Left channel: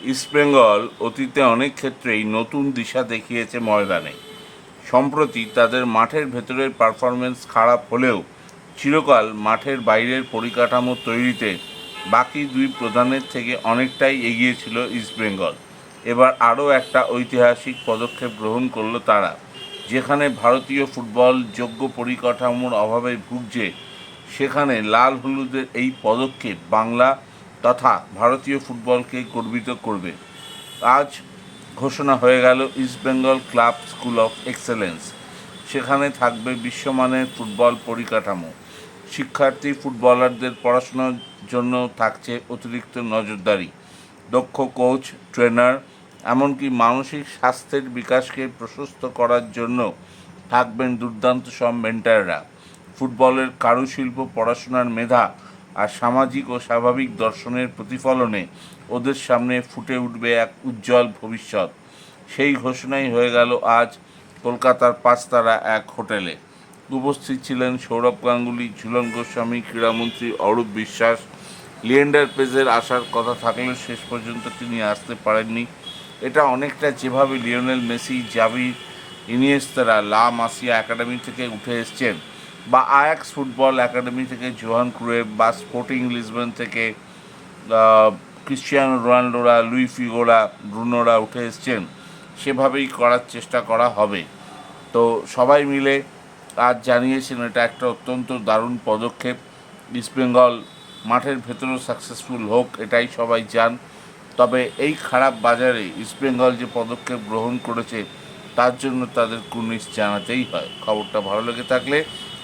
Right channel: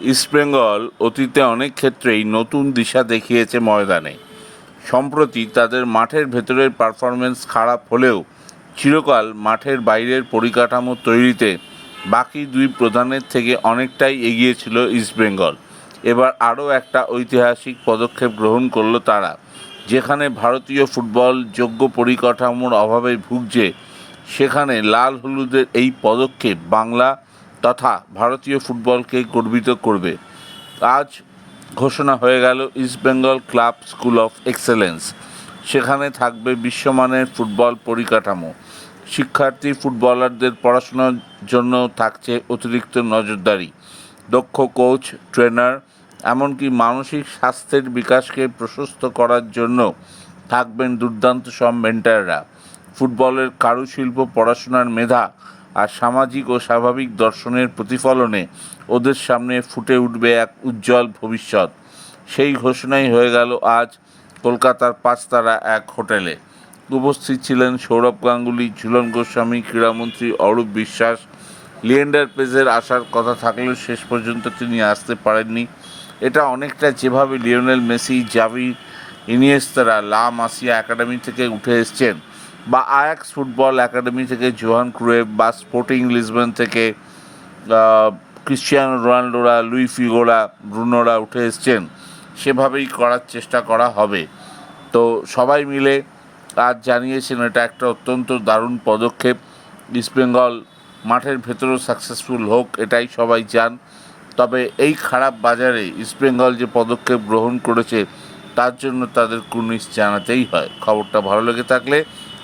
ইস্টবেঙ্গল অতীতে অনেক ক্ষেত্রেই নতুন দিশা দেখিয়েছে ময়দানে। সম্প্রতি তাদের মাঠের ভেতরের পারফরমেন্স খারাপ হলেও চিরকাল মাঠের বাইরের পরিকাঠামো তৈরিতে বাকি দুই প্রধানের থেকে অনেকটাই এগিয়ে ছিল ইস্টবেঙ্গল এবার আরও একটা ঐতিহাসিক পদক্ষেপ গ্রহণ করল তারা, যেখানে ভারতীয় ফুটবল যোগ্য পরিকাঠামোর অভাবে ভুগছে, সেখানে লাল হলুদের এই পদক্ষেপ বাংলা তথা ভারতীয় ফুটবলকে গর্বিত করবে। আজ ঘোষণা হয়ে গেল East Bengal club school of excellence সেখানে থাকবে বিশ্বমানের ফুটবল পরিকাঠামো। শিক্ষার্থী ফুটবলারদের পড়াশোনার জন্য থাকছে অতিরিক্ত নজরদারি। দক্ষ কোচ ট্রেনার এমনকি মানসিক স্বাস্থ্যের বিকাশকে প্রশস্ত করার জন্য থাকবেন দুর্দান্ত সব মেন্টাররা ফুটবলের কারুশিল্প পড়াশোনার মেধা আর সামাজিক ও স্বাভাবিক দর্শনের প্রতিফলনে ওদের সামনে ফুটে উঠবে এক উজ্জ্বল ভবিষ্যৎ। সেই ঘোষণাই হয়ে গেল আজ কলকাতার পাঁচতারা এক হোটেলে। উপস্থিত ছিলেন সৌরভ গাঙ্গুলি, ঝুলন গোস্বামী, ক্রীড়ামন্ত্রী অরূপ বিশ্বাস। লিয়েন্ডার পেজের আসার কথা থাকলেও শেষ পর্যন্ত তিনি আসতে পারেননি। এটা অনেকটা যেভাবে লিওনেল মেসি, জাভি, ইনিয়েস্তারা, লা মাসিয়া একাডেমি থেকে উঠে এসছেন বা আয়াক্স ফুটবল একাডেমি থেকে জোহান ক্রুয়েভ বা স্পোর্টিং লিসবন থেকে ক্রিশ্চিয়ানো রোনাল্ডোরা লুই ফিগোরা ব্রুনোরা উঠে এসছেন, সেভাবেই করার চেষ্টা করা হবে। তো সবাই মিলে আজ জানিয়েছেন, এটা একটা অত্যন্ত দারুণ পদক্ষেপ। ইস্টবেঙ্গল মাঠের ভেতরেও সাকসেসফুল হোক, এটাই সবাই চান। তবে এই খারাপ বাজারে ইস্টবেঙ্গল যে পদক্ষেপ গ্রহণ করেছে, তার জন্য তাদের কুর্নিশ জানাতেই হয়। খবরটা ভালো লেগে থাকলে